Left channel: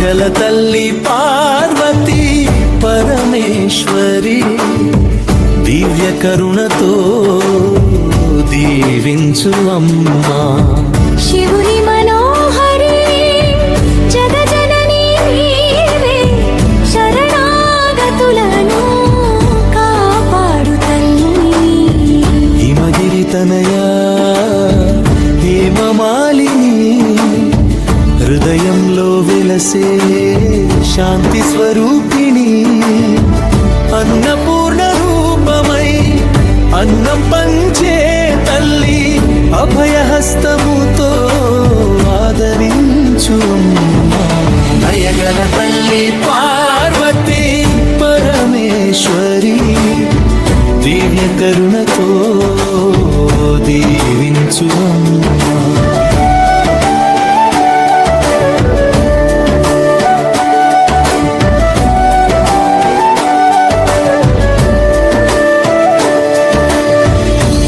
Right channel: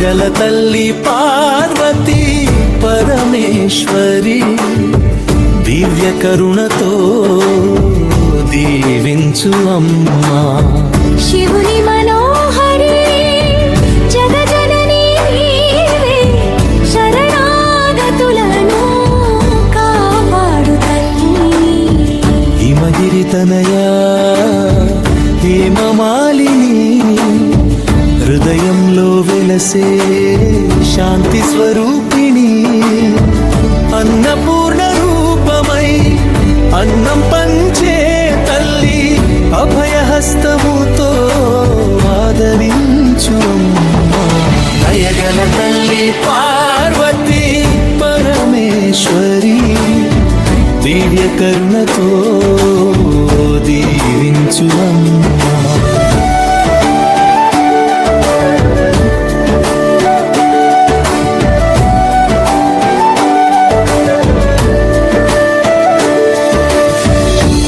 దయగల తల్లి పార్వతీ పరమేశ్వరి దివ్య కరుణతో దీవించు అమ్మా. శివుని మనోహరి జగజనని నీవే శరణాగతులను కాపాడు తల్లి. హిమగిరి తనయా హేమమాలిని హృదయంలో వెలసే శాంతి స్వరూపిణి. అన్నపూర్ణ రూపమై అన్నం పంచే తల్లి అభయహస్తముతో ఆదరించు అమ్మా. దయగల తల్లి పార్వతీ పరమేశ్వరి దివ్య కరుణతో దీవించు అమ్మా.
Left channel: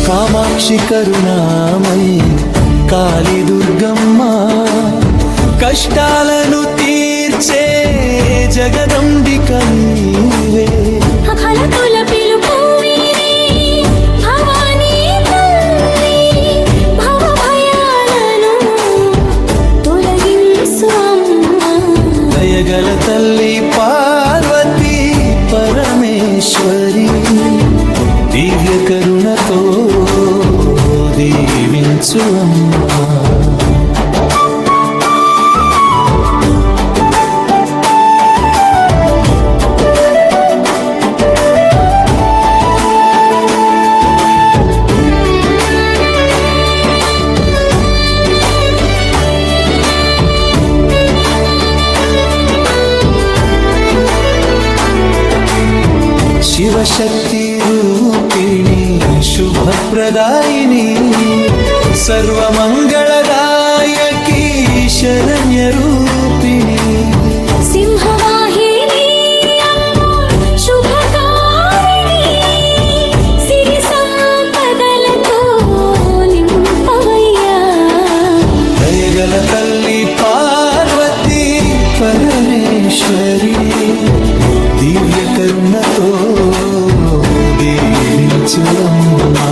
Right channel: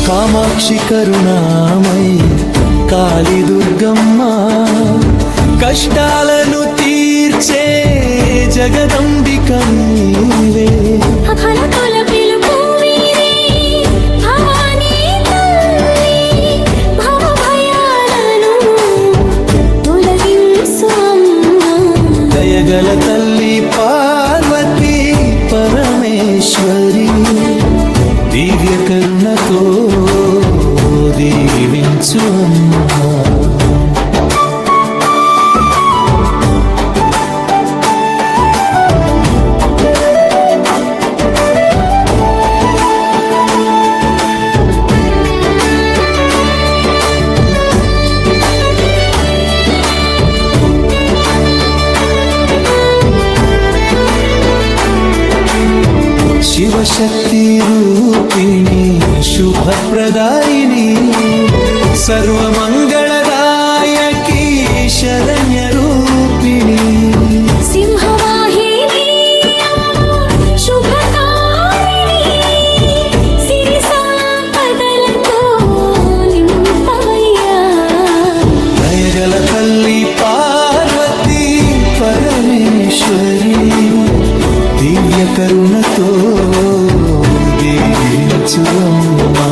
కామాక్షి కరుణామయి కాళీ దుర్గమ్మ కష్టాలను తీర్చే జగదంబిక నీవే. అఖలతుల పిలుపు వీరే భవానీ తల్లి భవ భయాలను తొలగించు అమ్మా. దయగల తల్లి పార్వతీ పరమేశ్వరి దివ్య కరుణతో దీవించు అమ్మా. శివశక్తి రూపిణి శుభప్రదాయిని సర్వమంగళదాయకి శరణ్య రూపిణి. సింహవాహిని శుభకారిణి సిరి సంపదలతో నింపవయ్యా. దయగల తల్లి పార్వతీ పరమేశ్వరి దివ్య కరుణతో దీవించు అమ్మా.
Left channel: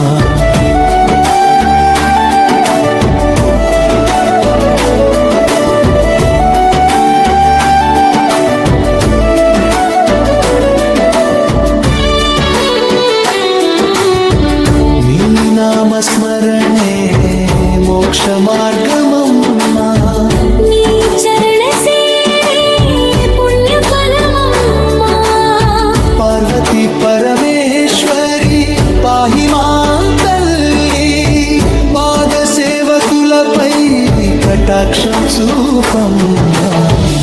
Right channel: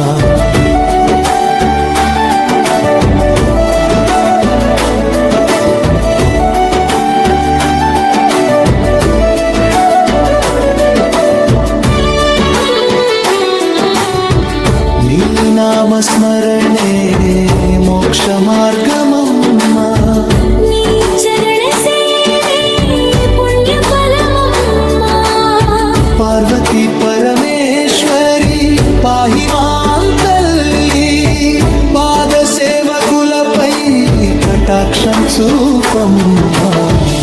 నీ నామస్మరణే మోక్ష మార్గమమ్మా. నీ చరణ సేవే పుణ్య ఫలమమ్మా. పార్వతీ పరమేశ్వరి పాహి మాం తల్లి పాద సేవకులపై కటాక్షం చూపమ్మా.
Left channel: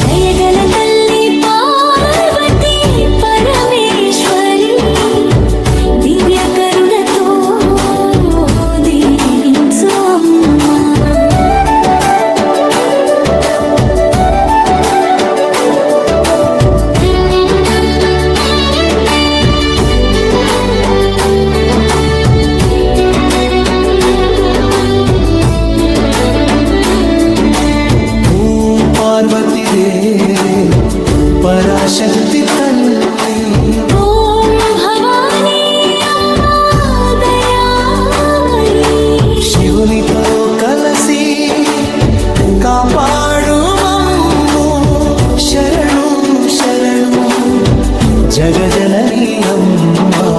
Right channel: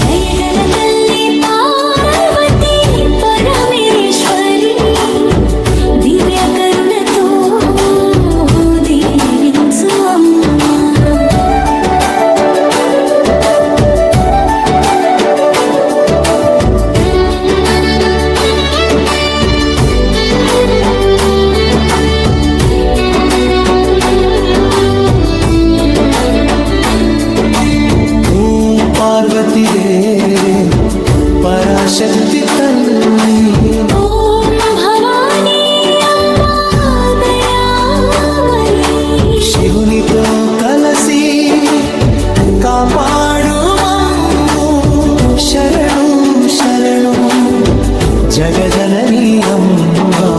దయగల తల్లి పార్వతీ పరమేశ్వరి దివ్య కరుణతో దీవించు అమ్మా. పార్వతి దేవే పరాశక్తి తల్లి. ఓం భవానీ అమ్మా దయామయి శివునితో కలసి కాపాడు మమ్ము. శరణు శరణు జగజనని అమ్మా.